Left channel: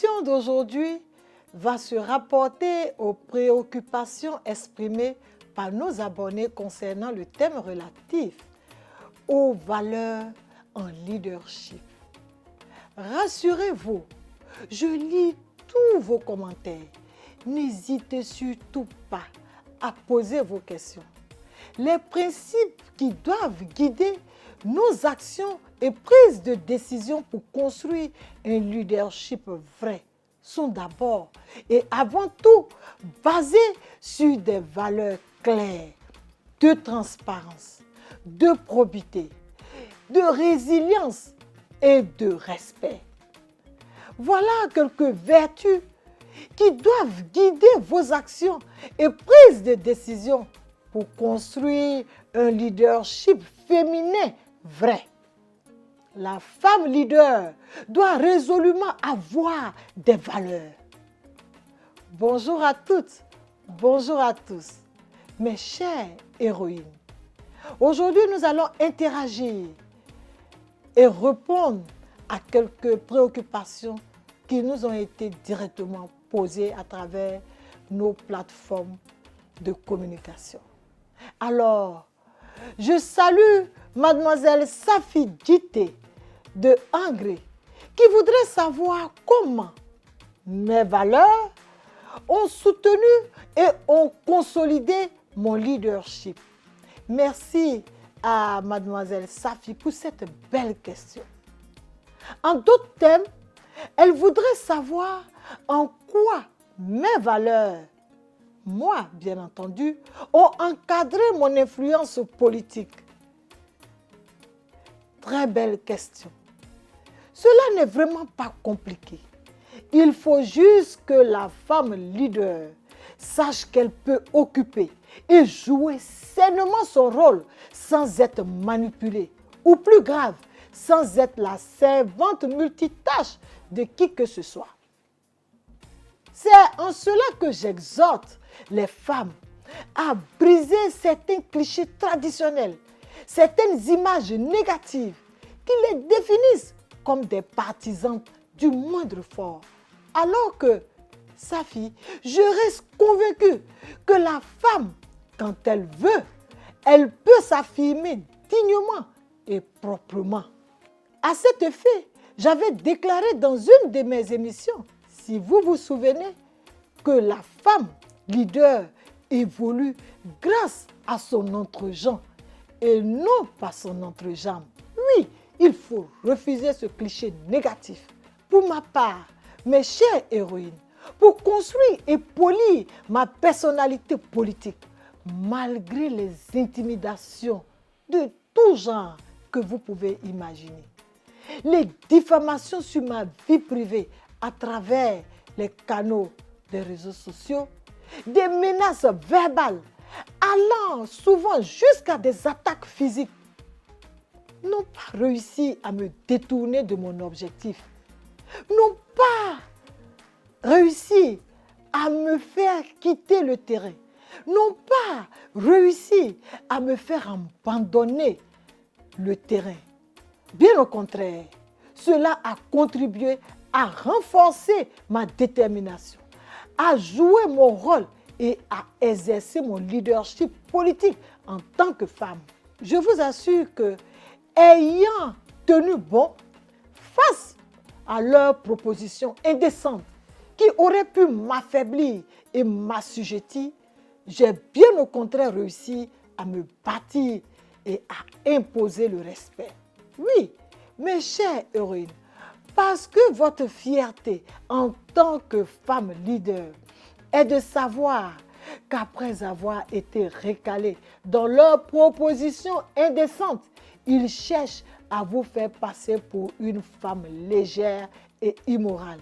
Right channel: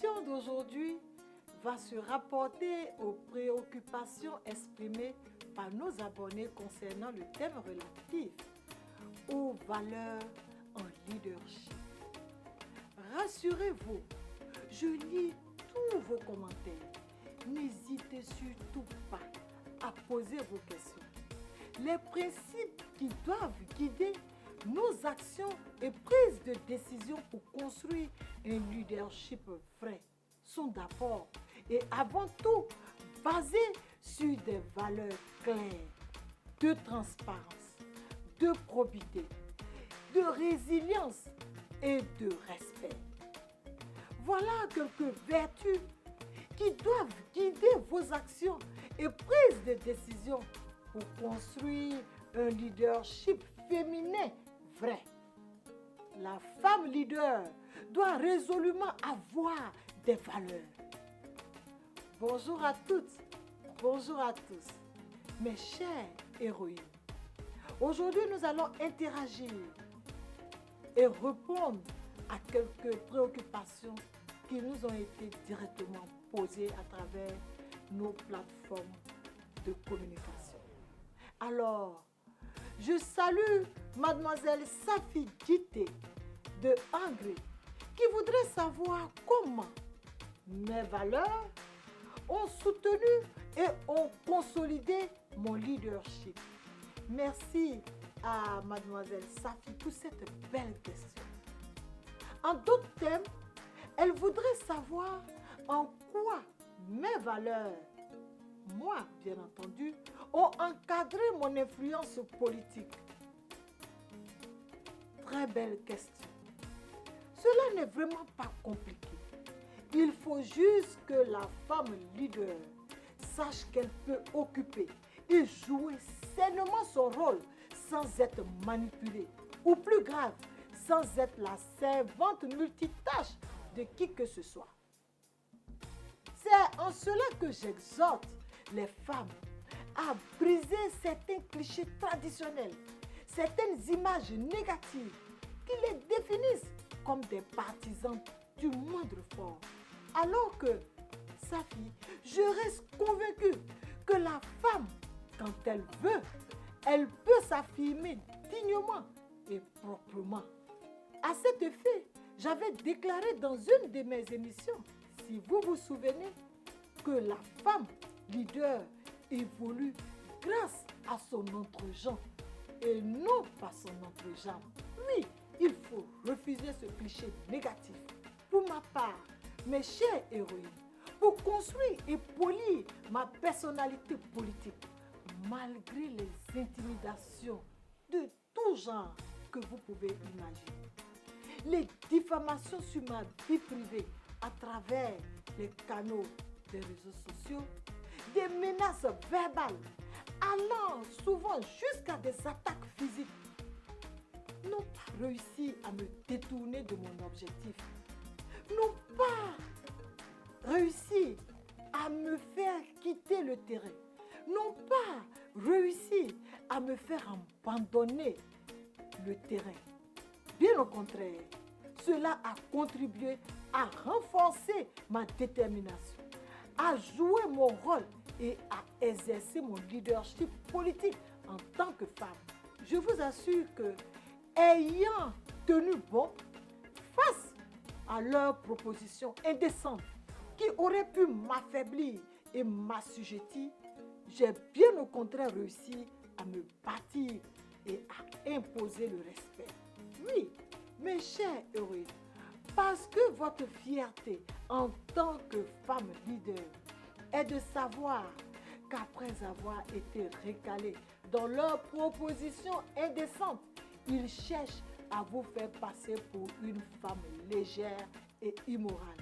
l'émission d'aujourd'hui va se rapporter aux préoccupations exprimées par nos abonnés concernant le thème relatif aux valeurs en leadership. Rassurez-vous, je lis tous vos commentaires. N'hésitez surtout pas à poser vos questions. Les principes qui doivent guider nos actions et prises de décision pour construire un leadership vrai sont d'abord et avant tout basés sur des valeurs claires de transparence, de probité, de résilience et de respect. Voilà quelques vertus qui doivent guider vos actions et prises de décision pour construire un leadership féminin vrai. La femme leader doit résolument avoir des valeurs. Bonjour à toutes, bonjour à tous, mes chères héroïnes. Aujourd'hui, nous allons interagir et répondre à quelques préoccupations qui nous ont été directement posées à travers nos plateformes de communication. Alors, je salue mademoiselle Safi Djité de Angré qui voudrait savoir comment mes valeurs ont soutenu et ont consolidé mon leadership. Merci à mademoiselle Safi pour cette belle question. En d'autres termes, elle voudrait savoir en quoi mes valeurs, moi bien entendu, ont encadré mon influence politique. Très belle question. Cela n'est vraiment pas compliqué. Il faut juste que la femme leader sache qu'elle peut occuper et jouer sainement son rôle sans être manipulée, ou plus grave, sans être la servante multitâche de qui que ce soit. C'est en cela que j'exhorte les femmes à briser certains clichés traditionnels, certaines images négatives qui les définissent comme des partisans du moindre fort. Alors que, Safi, je reste convaincue que la femme, quand elle veut, elle peut s'affirmer dignement et proprement. À cet effet, j'avais déclaré dans une de mes émissions, si vous vous souvenez, que la femme leader évolue grâce à son entre-gens et non par son entre-jambe. Oui, il faut refuser ce cliché négatif. Pour ma part, mes chères héroïnes, pour construire et polir ma personnalité politique, malgré les intimidations de tout genre que vous pouvez imaginer, les diffamations sur ma vie privée à travers les canaux des réseaux sociaux, des menaces verbales allant souvent jusqu'à des attaques physiques, n'ont pas réussi à me détourner de mon objectif, n'ont pas réussi à me faire quitter le terrain, n'ont pas réussi à me faire abandonner le terrain. Bien au contraire, cela a contribué à renforcer ma détermination, à jouer mon rôle et à exercer mon leadership politique en tant que femme. Je vous assure que, ayant tenu bon face à leurs propositions indécentes qui auraient pu m'affaiblir et m'assujettir, j'ai bien au contraire réussi à me bâtir et à imposer le respect. Oui, mes chères héroïnes, parce que votre fierté en tant que femme leader est de savoir qu'après avoir été recalés dans leurs propositions indécentes, ils cherchent à vous faire passer pour une femme légère et immorale.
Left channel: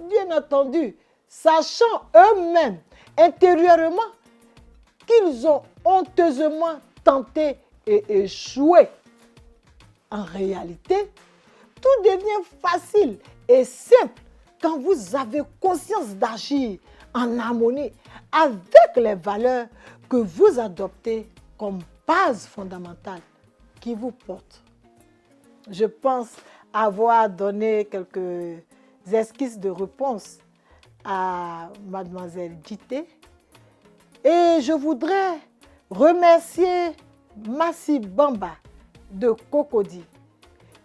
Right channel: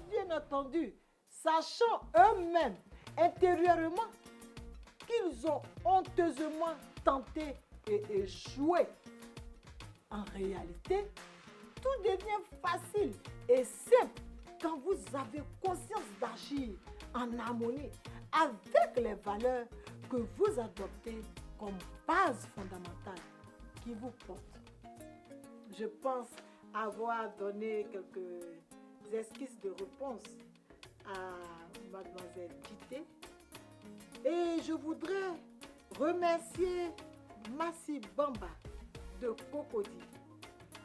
Bien entendu, sachant eux-mêmes intérieurement qu'ils ont honteusement tenté et échoué. En réalité, tout devient facile et simple quand vous avez conscience d'agir en harmonie avec les valeurs que vous adoptez comme base fondamentale qui vous porte. Je pense avoir donné quelques esquisses de réponse à mademoiselle Dité. Et je voudrais remercier Massi Bamba de Cocody,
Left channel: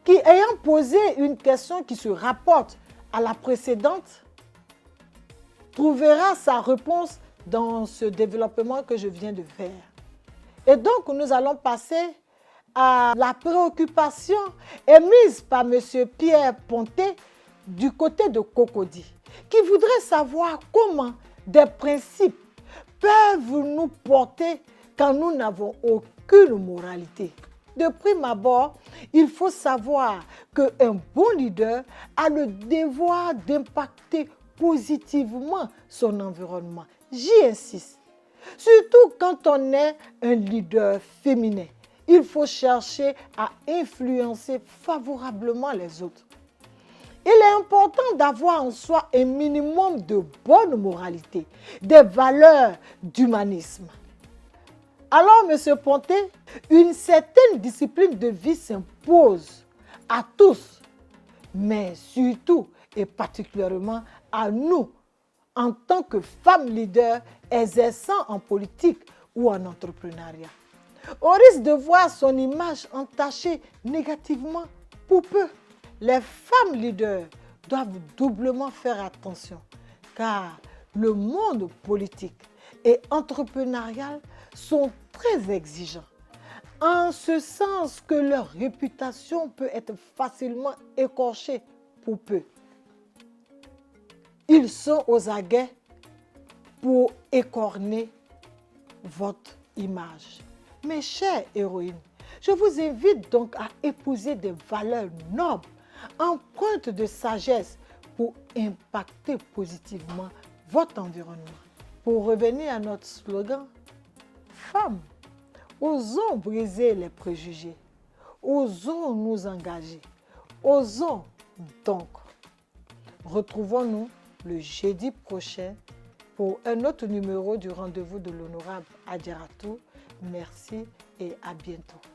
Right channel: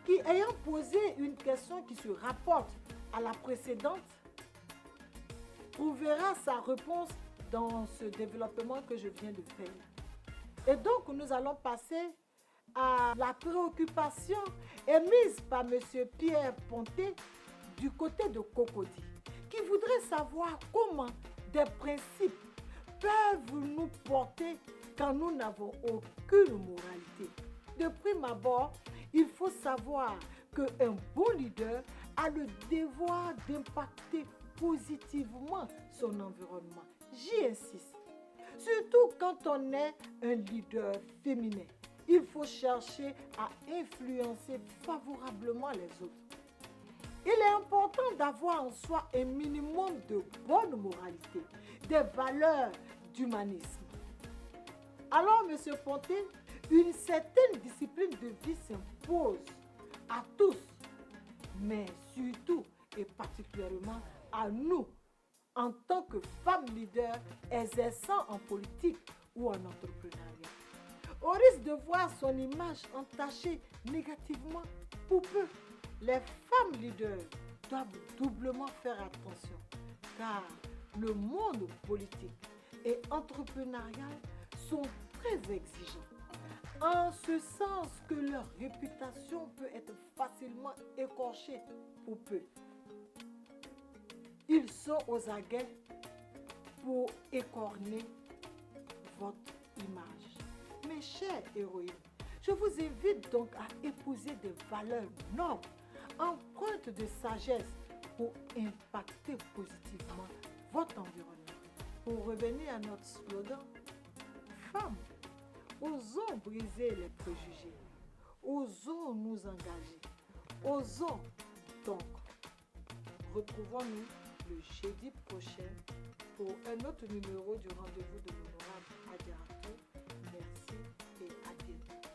qui, ayant posé une question qui se rapporte à la précédente, trouvera sa réponse dans ce développement que je viens de faire. Et donc, nous allons passer à la préoccupation émise par M. Pierre Ponté du côté de Cocody, qui voudrait savoir comment des principes peuvent nous porter quand nous n'avons aucune moralité. De prime abord, il faut savoir qu'un bon leader a le devoir d'impacter positivement son environnement. J'y insiste. Surtout quand on est un leader féminin, il faut chercher à influencer favorablement les autres. Il est important d'avoir en soi un minimum de bonne moralité, des valeurs d'humanisme. Alors, M. Ponté, une certaine discipline de vie s'impose à tous, mais surtout et particulièrement à nous, en tant que femmes leaders exerçant en politique ou en entrepreneuriat. Au risque de voir son image entachée négativement pour peu, les femmes leaders doivent doublement faire attention, car le monde politique et entrepreneurial sont très exigeants, en ce sens que leur réputation peut être facilement écorchée pour peu. Ils sont aux aguets pour écorner votre image. Mes chères héroïnes, je vous invite donc à épouser des valeurs nobles, empreintes de sagesse pour impacter positivement votre environnement. Pour revenir à notre slogan, femmes, osons briser les préjugés, osons nous engager, osons donc. Retrouvons-nous le jeudi prochain pour un autre numéro du rendez-vous de l'honorable Adjaratou. Merci et à bientôt.